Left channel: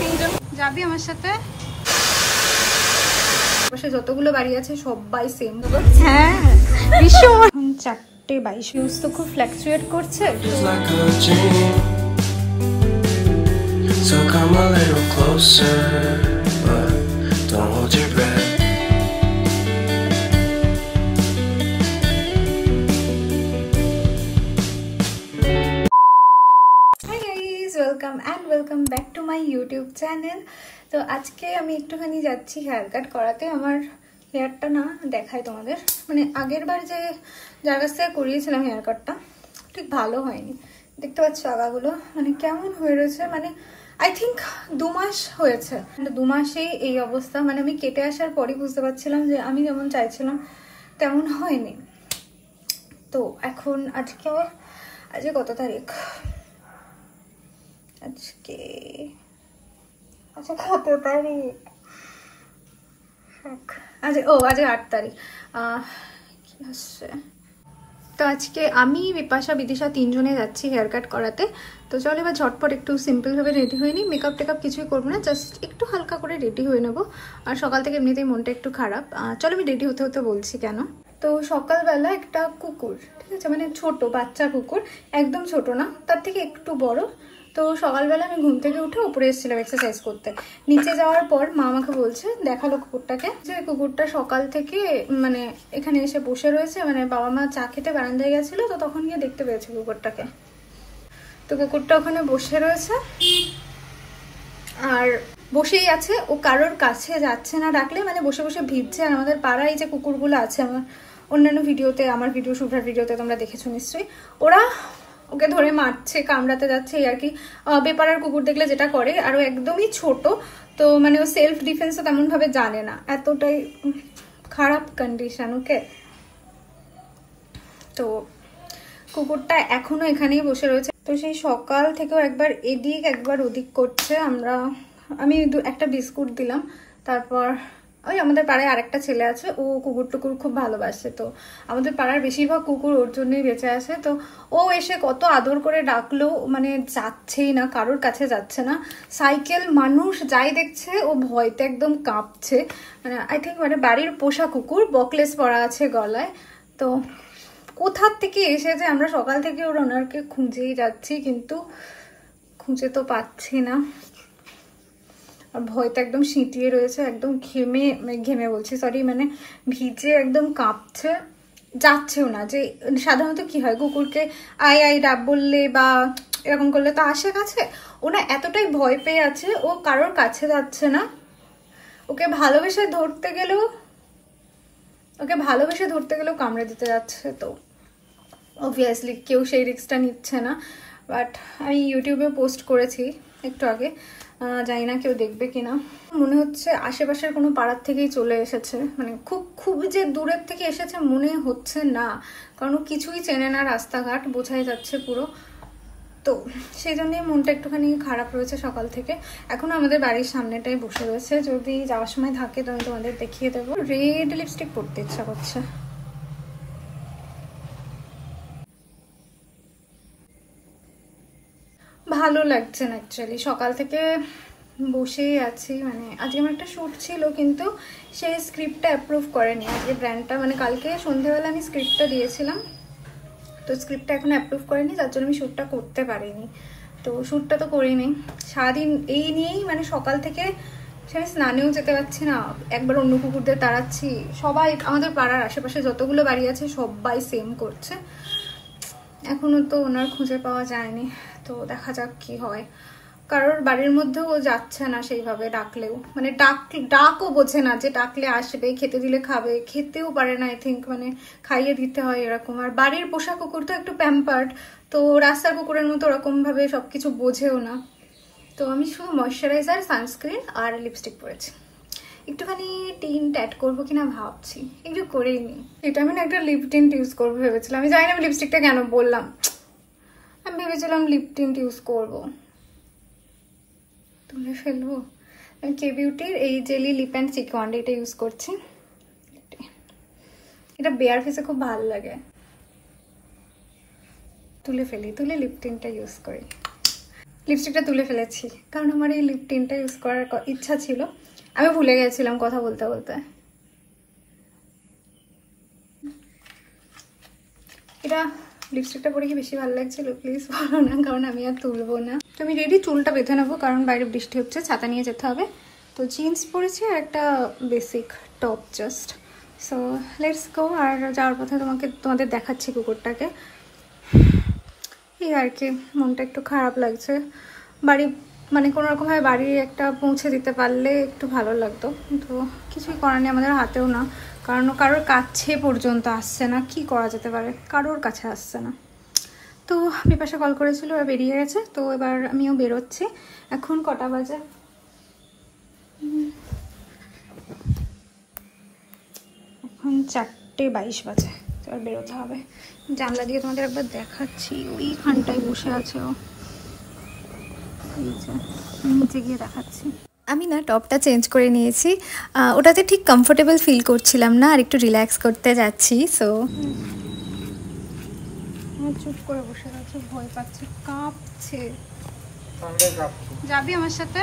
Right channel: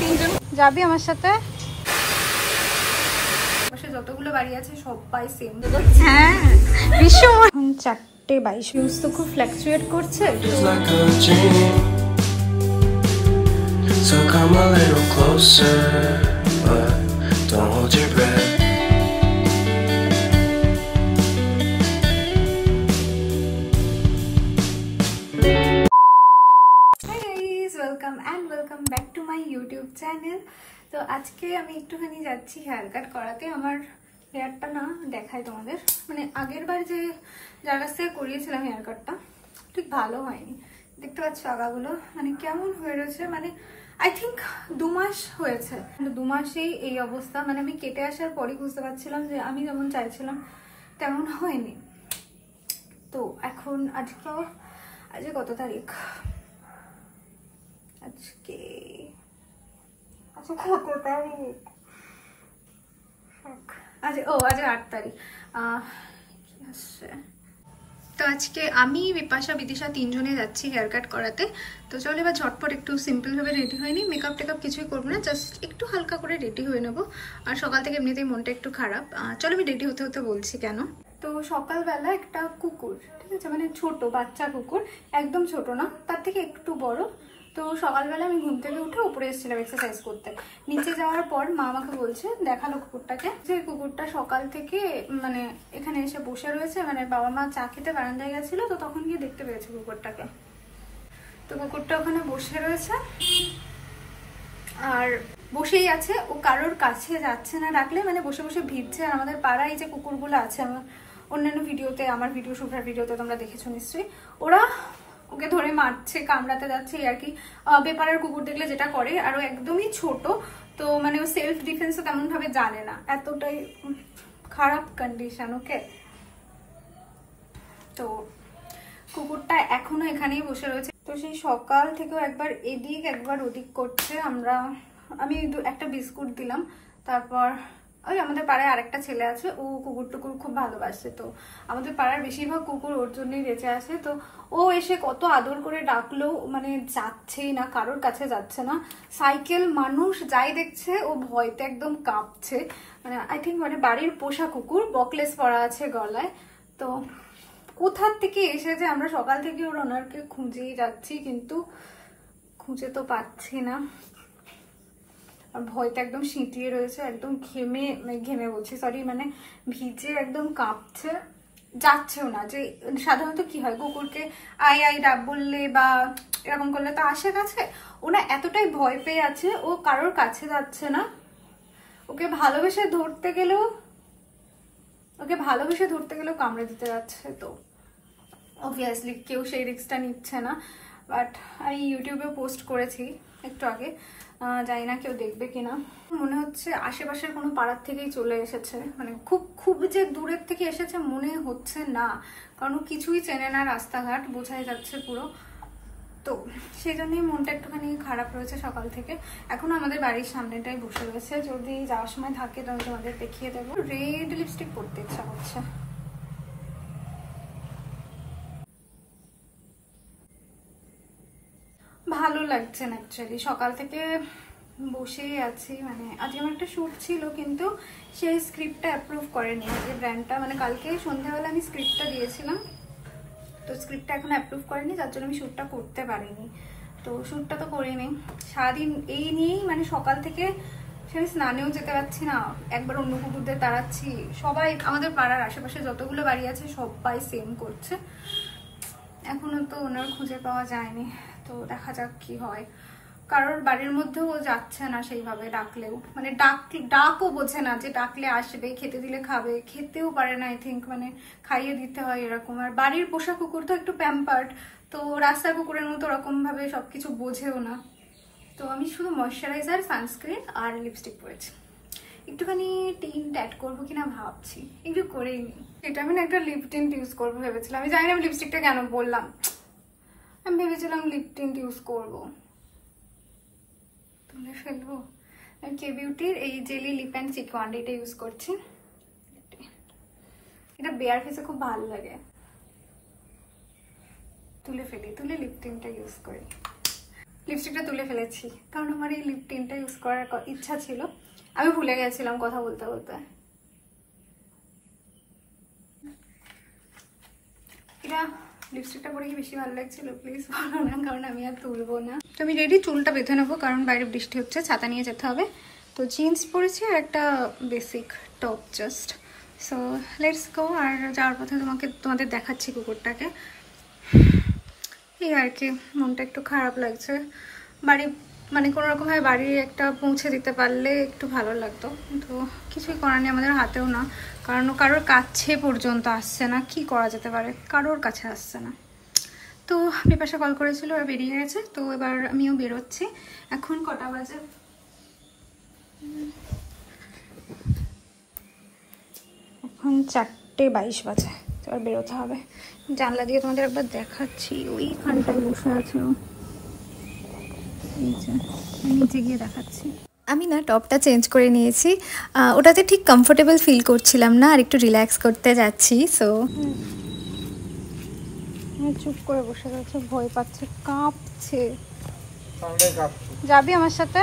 তিনজন যাবি আমার সাথে? যতগুলো বাড়ি আছে সবাই সেম। হ্যাঁ, 4:22 ভিউজ তো খুব ফ্ল্যাকচুয়েট করছে। So come a little closer, but don't hold your breath. Hi guys, welcome back to my YouTube channel. তো আজকে আমি একটুখানি যাচ্ছি হেয়ার কাট করাতে। আমার হেয়ারটা না দেখাই তোমাদের, মানে আগের বার যে জায়গা থেকে করিয়েছিলাম হেয়ার কাটটা ঠিক ভালো হয়নি। দেখতে পাচ্ছ আগাগুলো মানে কেমন হয়ে রয়েছে, মানে আই থিঙ্ক 2 মাস হয়েছে। 2 মাসেই এই অবস্থা, মানে আমি কেটে আসার পরই বুঝতে পারছিলাম যে আমি যেমন চাইছিলাম তেমন হয়নি। তো এখন আজকে কত তারিখ? আজকে কত তারিখ? আজকে 8 তারিখ। কি আসছে? তো আজকে আমি, বিপাশা, বিদিশা তিনজনে যাচ্ছি হেয়ার কাট করাতে। তো চলো এবার ঝটপট একটু সিম্পল ভাবে রেডি হয়ে নিই। মেকআপ টেকআপ কিছুই করবো না, জাস্ট একটু হালকা করে রেডি হয়ে নেবো। আর সকাল থেকে এমনিতেই মনটা একটু খারাপ। চলো আমি রেডি হতে হতে বলছি কেন। তো সকালবেলা একটা কুকুর, ঠিক আছে, মানে ছোট বাচ্চা কুকুর, একদম ছোট না, তার থেকে একটু বড়। তো সকালবেলা আমি ঘুম থেকে উঠে উপরে এসেছিলাম এক্সারসাইজ করতে। নিচে যাওয়ার পর মা আমাকে বলছে, দেখালো কুকুরটাকে, যে কুকুরটা সকাল থেকে মানে এখানে এসে বসে রয়েছে। মানে বাবা মা চা খেতে বারান্দায় গেছিল, তো তখন গিয়ে দেখতে পেয়েছে কুকুরটাকে। তো কুকুরটা ওখানে বসে রয়েছে আর বসেই আছে, ও কারোর কাছে যাচ্ছে না ডাকলে, মানে বসে বসে ভিজছে। আর আমাদের পাড়ায় যে কুকুরগুলো আছে, আমার অন্যান্য ভিডিওতে, আমার ভিডিও শুটার ভিডিওতে তোমরা দেখেছো নিশ্চয়ই, ওরা ওকে ধরে মারছে, কামড়াতে যাচ্ছে আর কি। বেপারার কুকুর দেখলে যেটা করে, আর ও একদমই ছোট, তো মানে ও সেলফ ডিফেন্সও তেমন ভাবে জানে না, এতটাই খারাপ কন্ডিশন। ওকে, তো কুকুরটা এখনো এখানেই বসে রয়েছে। তো সেই সকাল থেকেও একবার এদিক একবার ওদিক করছে। আমি একটা বিস্কুট দিলাম। তারপর ওই আমাদের পাড়ায় আরেকটা ছেলে আছে, ও কুকুর টুকুর খুব ভালোবাসে। তো আমাদের পাড়ার বেশিরভাগ কুকুর ওর জন্যই বেঁচে আছে। তো ও এসে কত আদর করে ডাকলো, মানে যাচ্ছেই না, কারোর কাছে যাচ্ছে না। সাইকেল, মানুষ যাই দেখছে ও ভয়তে একদম কাঁপছে। আই থিঙ্ক মানে বাড়ির পোষা কুকুর, বকলেস পরা আছে গলায়। তো কোথার থেকে এসেছে, আমরা সকাল থেকে ওনারকে খুঁজেই যাচ্ছি, কিন্তু খুঁজে তো পাচ্ছি না। আর ভয়টা একদম সিঁটিয়ে রয়েছে, একদম ঘেমে বলছি, সরি, মানে ভিজে একদম কাঁপছে, যাচ্ছেও না। যে সাধারণত কি হয়, কুকুরকে আই আই ডাব বললে বা এরকম করলে তো আসে কাছে, ওনা এতটাই ভয় পেয়ে আছে, ও কারোর কাছে যাচ্ছে না। ওকে ভালোবেসে ধরতে গেলেও কামড়ে দিতে যাচ্ছে। তো অবভিয়াসলি কেউ সেই রিস্কটা নিচ্ছে না। বাট আমি ইউটিউবে পোস্ট করেছি একটু আগে, জানি না কেউ দেখবে কিনা। মনে হচ্ছে আশেপাশের কোনো পাড়ার থেকেই চলে এসেছে, মানে খুব যে দূরের থেকে এসেছে মনে হচ্ছে না, কারণ কিছুই চেনে না, রাস্তাঘাট বোঝাই যাচ্ছে পুরো। তো সেই জন্যই মনটা একটুখানি খারাপ রয়েছে সকাল থেকে। এখনো আমাদের বাড়ির সামনেটাই বসে রয়েছে, যদি যাওয়ার সময় থাকে তো আমি তোমাদের দেখিয়ে দেবো। রেড লিপস্টিক পরতে ইচ্ছা করছে। ভালো লাগছে না অ্যাকচুয়ালি, সকাল থেকে বসেই আছি। মানে আজকে আমার একটা শ্যুট ছিল, কিন্তু সেই স্ক্রিপ্টটা অ্যাপ্রুভ করেনি আজকে ব্র্যান্ডটা। মানে কালকে সন্ধ্যেবেলা আমি স্ক্রিপ্টটা দিয়েছিলাম, তো স্ক্রিপ্টটা এখনো অ্যাপ্রুভ করেনি, যার জন্য আমি শ্যুটটা করতে পারিনি। তো শ্যুটটা তো করিনি, সারাদিন এই নিয়েই, মানে সকাল থেকে সেখানে স্নানেও যেতে পারছি না, একবার অন্য কুকুরদের তাড়াচ্ছি। সবাই আমাদের পাড়ার আশেপাশে যতগুলো বাড়ি আছে সবাই সেম করছে। এখনো তো ওনার খুঁজে পাওয়া যায়নি, তো দেখা যাক কি হয়। কারোর বাড়ির মধ্যেও ও যাচ্ছে না সেইভাবে, ডাকলেও মানে ডাকও বোঝে না, যে ডাকলে আসবে, খেতে দিলে খাবে, খেতেও পারে না আই থিঙ্ক, মানে খাইয়ে দিতে হয় এরকম। আর বাড়ির পোষা কুকুর তো একটু প্যাম্পার্ড, তো রাস্তার কুকুরের মতো ওরকম ভাবে সবকিছু বোঝেও না। তো আমি শুধু ময়শ্চারাইজার, সানস্ক্রিন আর লিপস্টিক পরেছি। একটুখানি টিন্ট অ্যাড করবো কিনা ভাবছি, একটু করেই নি। এটা আমি একটা লিপ টিন্ট ইউজ করবো ভেবেছিলাম, আমি জানি না আমি লিপস্টিকটা কেন বললাম, আমি ভেবেছিলাম লিপ টিন্ট ইউজ করবো। তুলে ফেলবো। আমি কে বিউটির এই jelly lip and cheek wand এটা ইউজ করছি। এটা বেয়ার ফেসে খুব ভালো লাগে। তুলে ফেলি, তুলে লিপ টিন্টটা ইউজ করি। লিপস্টিকটা তুলে ফেলেছি কারণ আমার এই লিপ টিনটা ইউজ করার ইচ্ছা ছিল, আমি ভুলে গেছিলাম কথা বলতে বলতে। এটা লিপস্টিকটা পরে কি বেশি ভালো লাগছিল প্লিজ বলো না, কারণ আমি আর তুলবো না। তো আমি রেডি, চুলটা বেঁধে নেবো কারণ বাইরে বৃষ্টি হচ্ছে, ছাতা নিয়ে যেতে হবে। তো জিন্স পরেছি আর একটা basic top just. So let's go. আর যাওয়ার পথে তোমাদের দেখাচ্ছি কুকুরটাকে। এই আর কি, মনটা একটু খারাপ লাগছে। বাড়ি মানে কোনো রকমভাবে বাড়ি একটা পৌঁছে দিতে পারলে একটু ভালো লাগতো, তো কিছুই করার নেই, আমাদের হাতেও না, কারণ কারোর কাছে পর্যন্ত আসছে না। কি করা যেতে পারে, কারোর কাছে আসছে না। তো বিপাশা কল করেছিল, আর বেরিয়ে গেছে। তো এবার আমিও বেরোচ্ছি। এখন কটা বাজে? এখন 4:22 বাজে। এবার বেরোতে হবে। জানলা দিয়ে তোমাদের একবার দেখাচ্ছি, ওইখানটায় বসে আছে ও, নিচে গিয়ে দেখাচ্ছি। আমি না টপটা চেঞ্জ করে নিয়েছি, ওটাতে ঠিক কমফোর্টেবল ফিল করছিলাম না, আর একটু রিল্যাক্স করতে যাচ্ছি। সো চুপ করে বসে আছে, ভয় পাচ্ছে, কাঁপছে। যাবি আমার সাথে?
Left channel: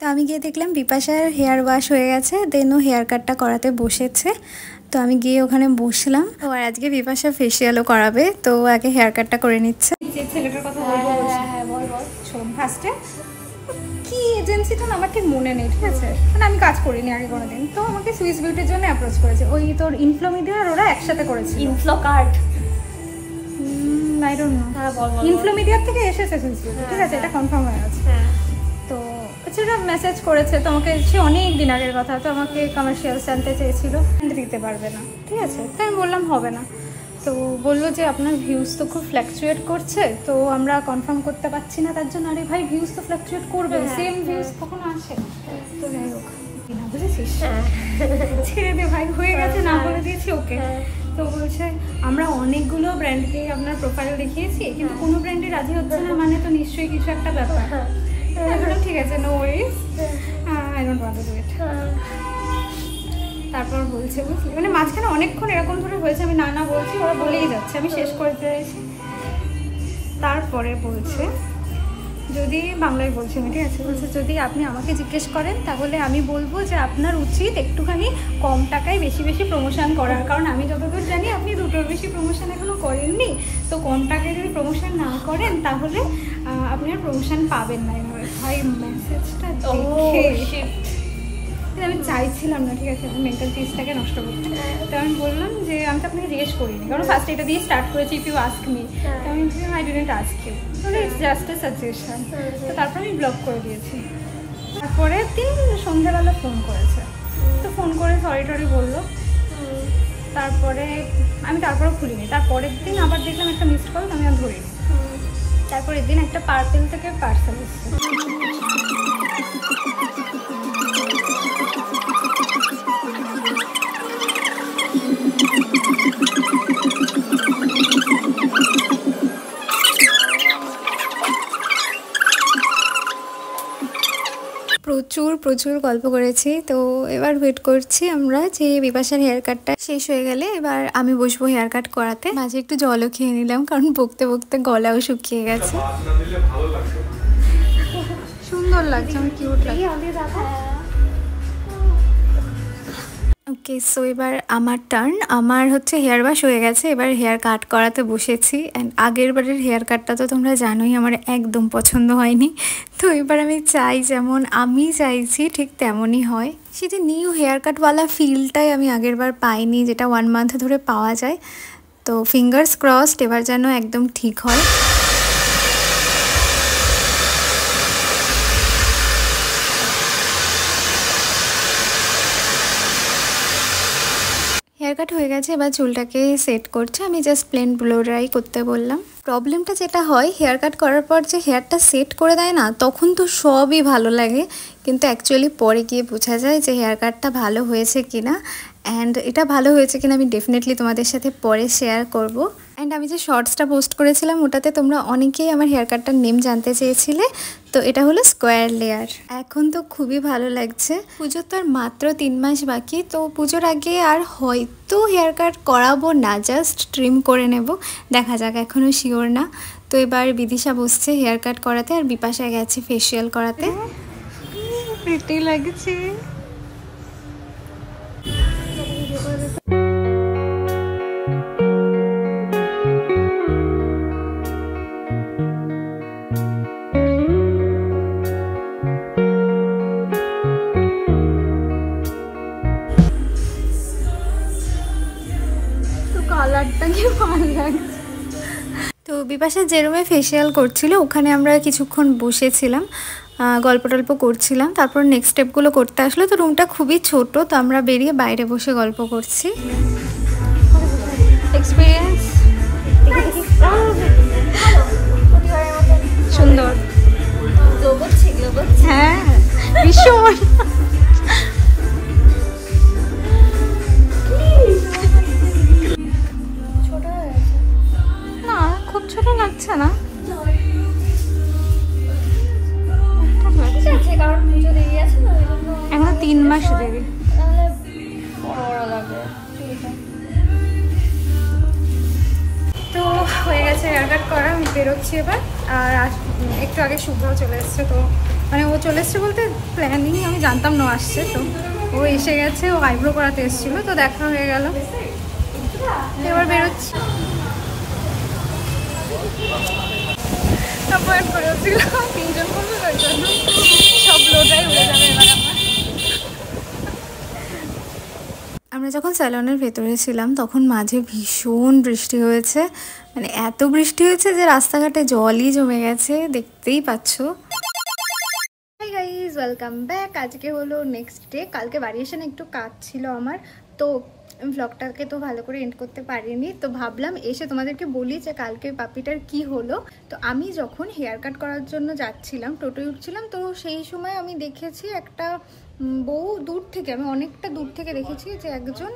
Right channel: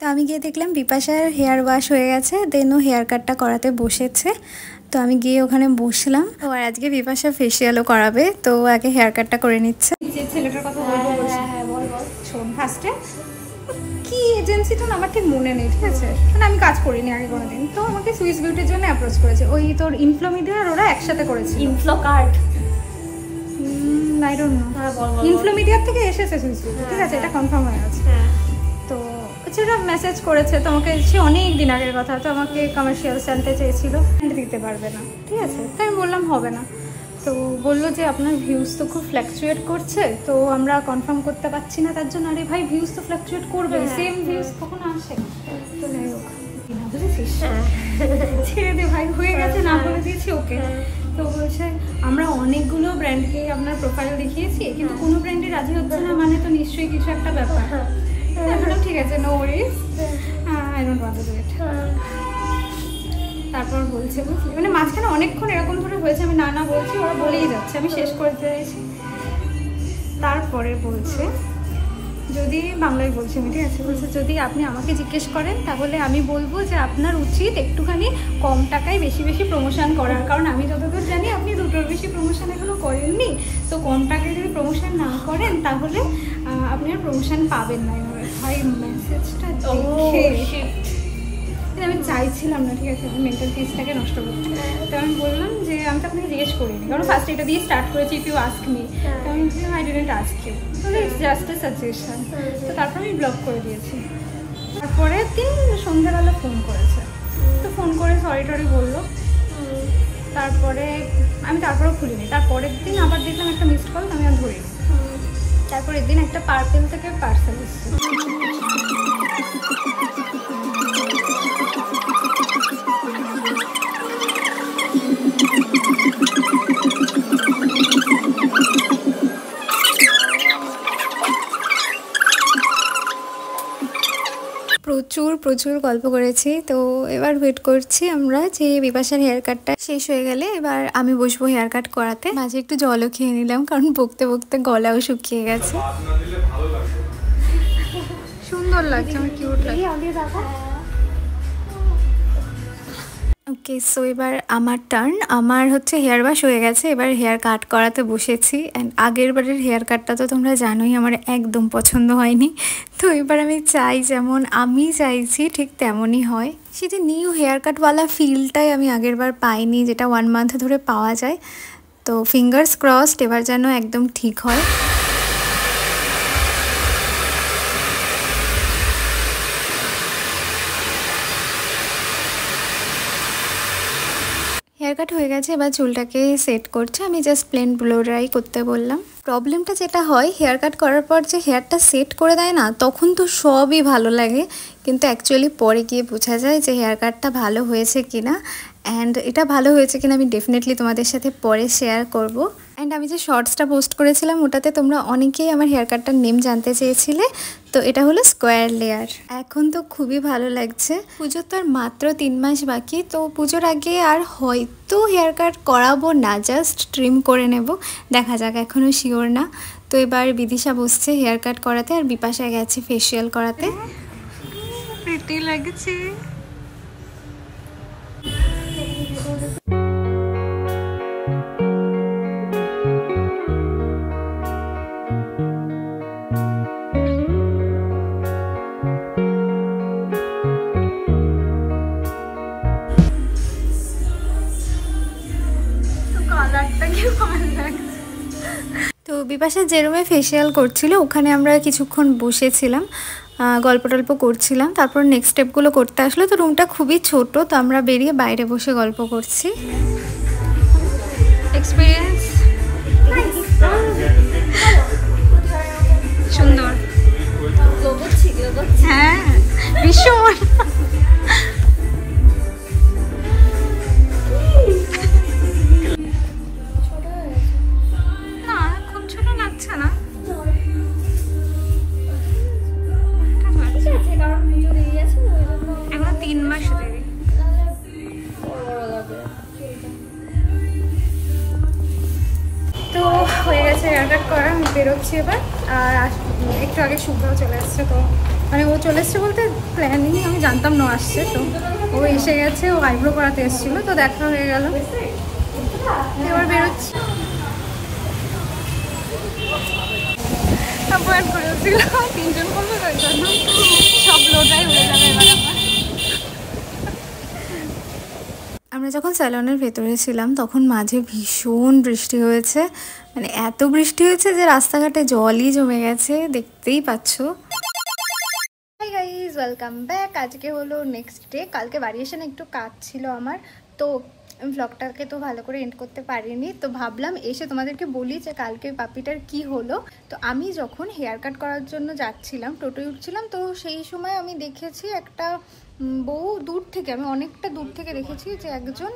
তো আমি গিয়ে দেখলাম বিপাশার হেয়ার ওয়াশ হয়ে গেছে, দেন ও হেয়ার কাটটা করাতে বসেছে। তো আমি গিয়ে ওখানে বসলাম। ও আর আজকে বিপাশা ফেসিয়ালও করাবে, তো আগে হেয়ার কাটটা করে নিচ্ছে। যে ছেলেটার কথা বলবো, হ্যাঁ বল বল। শোন, ফার্স্টে কি এজেন্সি তো আমার ঠিক মনে নেই, ঠিক আছে, মানে আমি কাজ করিনি আগে কোনোদিন। তো আমাকে সুইস বিউটির জন্য অ্যাপ্রোচ করেছে, ওই তোর ইনফ্লোমিডিয়া আর ওরা একসাথে করেছে। Inflow card I don't know, ইনফ্লোমিডিয়ার থেকে এসেছে সুইস বিউটি, ঠিক আছে, এটা কনফার্ম হয়ে গেছে। তো সেটা মেসেজ করেছে তোমাকে, সে অনেক দিন আগের কথা। তো আমাকে কমার্শিয়াল জানতে চেয়েছিল, দিতে পারবে না, ঠিক আছে। তো আমি বললাম হবে না। তো বললো যে আপনার ভিউজ তো খুব ফ্ল্যাকচুয়েট করছে, তো আমরা কনফার্ম করতে পারছি না তার জন্য। আরে ভাই, ভিউজ তো ফ্ল্যাকচুয়েট করবে, সেম ভিউজ কখনো আসে? তো যাই হোক, না বুঝেছিস, ছেড়ে দে ভাই, হয়ে গেছে, না বলে দিয়েছি ওকে। তো বলছে আমরা অনেকগুলো ব্র্যান্ডকে আপনার প্রোফাইল দেখিয়েছি, কিন্তু কোনো ব্র্যান্ডে রাজি হচ্ছে না, মানে তো নিশ্চয়ই কিছু একটা ব্যাপার। বললাম ঠিক আছে, no worries, I don't want to do it. তারপর বলছে, বুঝলি, মানে মাঝখানে অনেকক্ষণ এরকম ধরে হয়েছে, আমি না না বলছি, ওরা বলেই যাচ্ছে, আমি শেষ করে দিয়েছি। তারপরে বলছে, যদি বাংলায় বলছি আমি, ঠিক আছে, বলছে যদি আপনি আমাকে জিজ্ঞেস করেন তাহলে আমি বলবো যে আপনার উচিত একটুখানি কম টাকায় বেশি বেশি প্রমোশন করার, কারণ আমি যতদূর জানি আপনি 2টোর বেশি প্রমোশন এখনো করেননি। তো কম টাকায় যদি প্রমোশন না করেন তাহলে আপনি আর প্রমোশন পাবেন না। ভাই মেসেজটা দেখে আমি চাইছিলাম না, ঠিক আছে, মেন্টাল পিসটাকে নষ্ট করতে। তো আমি বললাম যে আমি তো আপনাকে জিজ্ঞেস করিনি, কারণ ফার্স্ট এটা দিয়ে স্টার্ট করেছি, ইফ ইউ আস্ক মি। তো আমি আই ডিডন্ট আস্ক ইউ, তাহলে ইটস জাস্ট এ সাজেশন। তো তারপর আমি ব্লক করে দিয়েছি। তারপরে দিন সন্ধ্যাবেলা ফোন করেছে, তো ফোন করে সরি টরি বললো। তারপরে আমি তারপরেও খুলিনি। তারপরের দিন আবার দেখলাম একটা মিসড কল, আমি আর ধরিনি। তারপরের দিন একটা পার্সেল থেকে পার্সেল এসেছে। প্রচুর গল্প করেছি। তো এবার ওয়েট করছি আমরা যে বিপাশার হেয়ার কাটটা শেষ হয়ে গেলে এবার আমি বসবো হেয়ার কাট করাতে। মাঝে একটু জলও খেয়ে নিলাম, কারণ বকতে বকতে গলাও শুকিয়ে গেছে। সুন্দর লাগছে, আমার কিউট লাগছে। ওকে, সো এবার আমার টার্ন। আমার হচ্ছে হেয়ার ওয়াশ হয়ে গেছে, এবার হেয়ার কাট করাতে বসেছি। অ্যান্ড আগের বারের হেয়ার কাটটা তো তোমরা জানোই আমার একদম পছন্দ হয়নি। তো এবার আমি চাই যেমন আমি চাইছি ঠিক তেমনই হয়। সেটা নিউ হেয়ার কাটওয়ালা ফিলটাই আমি আগের বার পাইনি, যেটা 1 মান্থ ধরে পাওয়া যায়। তো ফিঙ্গার্স ক্রসড, এবার যেন একদম ঠিক হয়। হেয়ার হেয়ার কাট হয়ে গেছে, এবার চুলটাকে সেট করছে। আমি জাস্ট প্লেন ব্লো ড্রাই করতে বললাম। প্রবলেমটা যেটা হয়, হেয়ার কাট করার পর যে হেয়ারটা সেট করে দেয় না, তখন তো সবই ভালো লাগে, কিন্তু অ্যাকচুয়ালি পরে গিয়ে বোঝা যায় যে হেয়ার কাটটা ভালো হয়েছে কিনা। অ্যান্ড এটা ভালো হয়েছে কিনা আমি ডেফিনেটলি তোমাদের সাথে পরে শেয়ার করব। অ্যান্ড আমি যে শর্টসটা পোস্ট করেছিলাম ওটাতে তোমরা অনেকেই আমার হেয়ার কাটটার নেম জানতে চেয়েছিলে, তো এটা হলো স্কোয়ার লেয়ার। এখন তো খুবই ভালো লাগছে। পুজোর তো আর মাত্র 3 মাস বাকি, তো পুজোর আগে আর হয়তো হেয়ার কাট করাবো না, জাস্ট ট্রিম করে নেব, দেখা যাক, এখনও শিওর না। তো এবার বিদিশা বসছে হেয়ার কাট করাতে, আর বিপাশা গেছে ফেসিয়াল করাতে। প্রিটি লাগছে। তো বিপাশা যে রুমে ফেসিয়াল করছিল ওখানে আমরা কিছুক্ষণ বসেছিলাম, গল্প টল্প করছিলাম। তারপর নেক্সট স্টেপগুলো করতে আসলো। তো রুমটা খুবই ছোট, তো আমরা বেরিয়ে বাইরে বসে গল্প করছি। এক্সপিরিয়েন্স সুন্দর, হ্যাঁ ভীষণ। না খুব ছোট লাগছে না, এখন 3 মাস দেবে। তো হয়ে গেছে হেয়ার কাট করা, আমি বেরোচ্ছি এবার। আর একটু আগে শুভ্রাও চলে এসছে, তো মানে ও চলে এসছে বলতে প্ল্যানিং আমি জানতাম না আসছে, তো ও এসে গেছে, ও আইব্রো করাতে এসেছিলো, তো দেখা হয়ে গেল। এবার বেরোচ্ছি। অ্যাপয়েন্ট করেছিল 3 জন করবে, ওই জন্য সব লোটাই উড়ে যাবে এবার আমার। আমরা যখন স্যালনের ভেতরে ছিলাম তখন মাঝে ভীষণ বৃষ্টি হয়েছে, মানে এত বৃষ্টি হয়েছে যে রাস্তাঘাটে জলই জমে গেছে, দেখতেই পাচ্ছ। Hi guys, welcome back. আজকে হলো নেক্সট ডে। কালকে বাড়ি এসে না একটু কাজ ছিল আমার, তো আমি ব্লগটাকে তো ভালো করে এন্ড করতে পারিনি, তো ভাবলাম এসে তোমাদেরকে বলি যে কালকে পাপিটার কি হলো। তো আমি যখন হেয়ার কাট করার জন্য যাচ্ছিলাম, টোটোয় উঠছিলাম, তো সেই সময় আমি দেখেছি একটা বউ দূর থেকে, আমি অনেকটা দূর থেকে দেখেছি যে একজন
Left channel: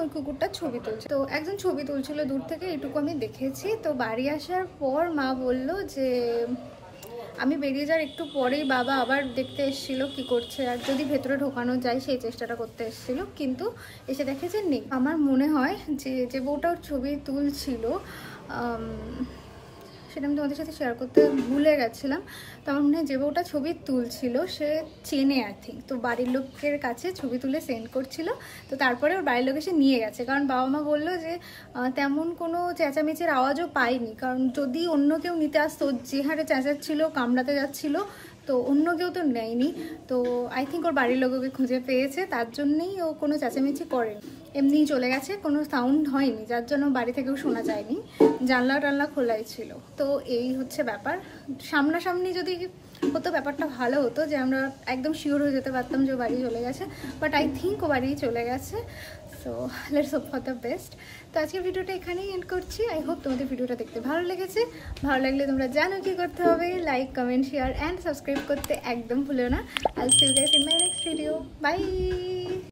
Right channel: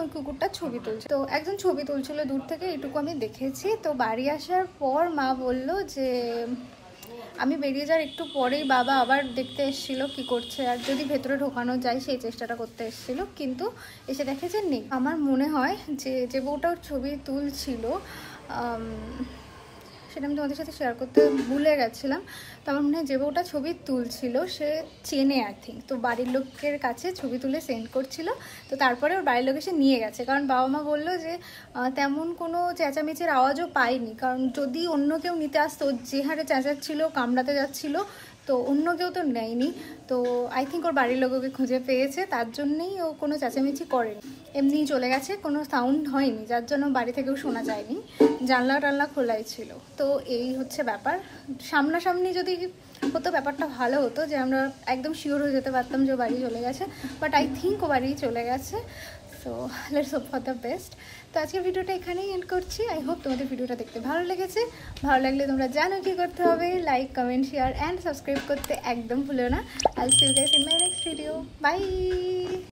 ওই কুকুরটার ছবি তুলছে। তো একজন ছবি তুলছিল দূর থেকে, এইটুকু আমি দেখেছি। তো বাড়ি আসার পর মা বলল যে আমি বেরিয়ে যাওয়ার একটু পরেই বাবা আবার দেখতে এসেছিল কি করছে, আর যদি ভেতরে ঢোকানো যায় সেই চেষ্টাটা করতে এসেছিল, কিন্তু এসে দেখে যে নেই। আমার মনে হয় যে বউটার ছবি তুলছিল, সেটা আমি তোমাদের সাথে শেয়ার করতে ভুলে গেছিলাম। তো আমার মনে হয় যে বউটা ছবি তুলছিল সে চেনে আই থিঙ্ক, তো বাড়ির লোকের কাছে ছবি তুলে সেন্ড করছিল। তো তারপরে ওর বাড়ির লোক এসে নিয়ে গেছে, কারণ বাবা মা বললো যে তেমন কোনো চেঁচামেচির আওয়াজও পাইনি, কারণ যদি অন্য কেউ নিতে আসতো, যে হারে চেঁচাচ্ছিল কামড়াতে যাচ্ছিল, তো অন্য কেউ তো নেয়নি। তো আই থিঙ্ক ওর বাড়ির লোক ওকে খুঁজে পেয়েছে, তার জন্যেই ও কোনো চেঁচামেচি করেনি, এমনিই চলে গেছে, কোনো সাউন্ড হয়নি, যার জন্য বাড়ি থেকেও শোনা যায়নি, জানলা টানলা খোলাই ছিল। তো এই হচ্ছে ব্যাপার। সামনাসামনি যদি হতো ব্যাপারটা ভালো হতো, যে আমরা একদম শিওর হয়ে যেতে পারতাম যে ও বাড়ি চলে গেছে, বাট আই থিঙ্ক ও বাড়ি চলে গেছে। So let's hope for the best. তো আজকের ভিডিওটা এখানেই এন্ড করছি। আই হোপ তোমাদের ভিডিওটা দেখতে ভালো লেগেছে। ভালো লাগলে তোমরা জানো কি করতে হবে, like, comment, share and subscribe করতে একদম ভুলো না। I will see you guys in my next video. By.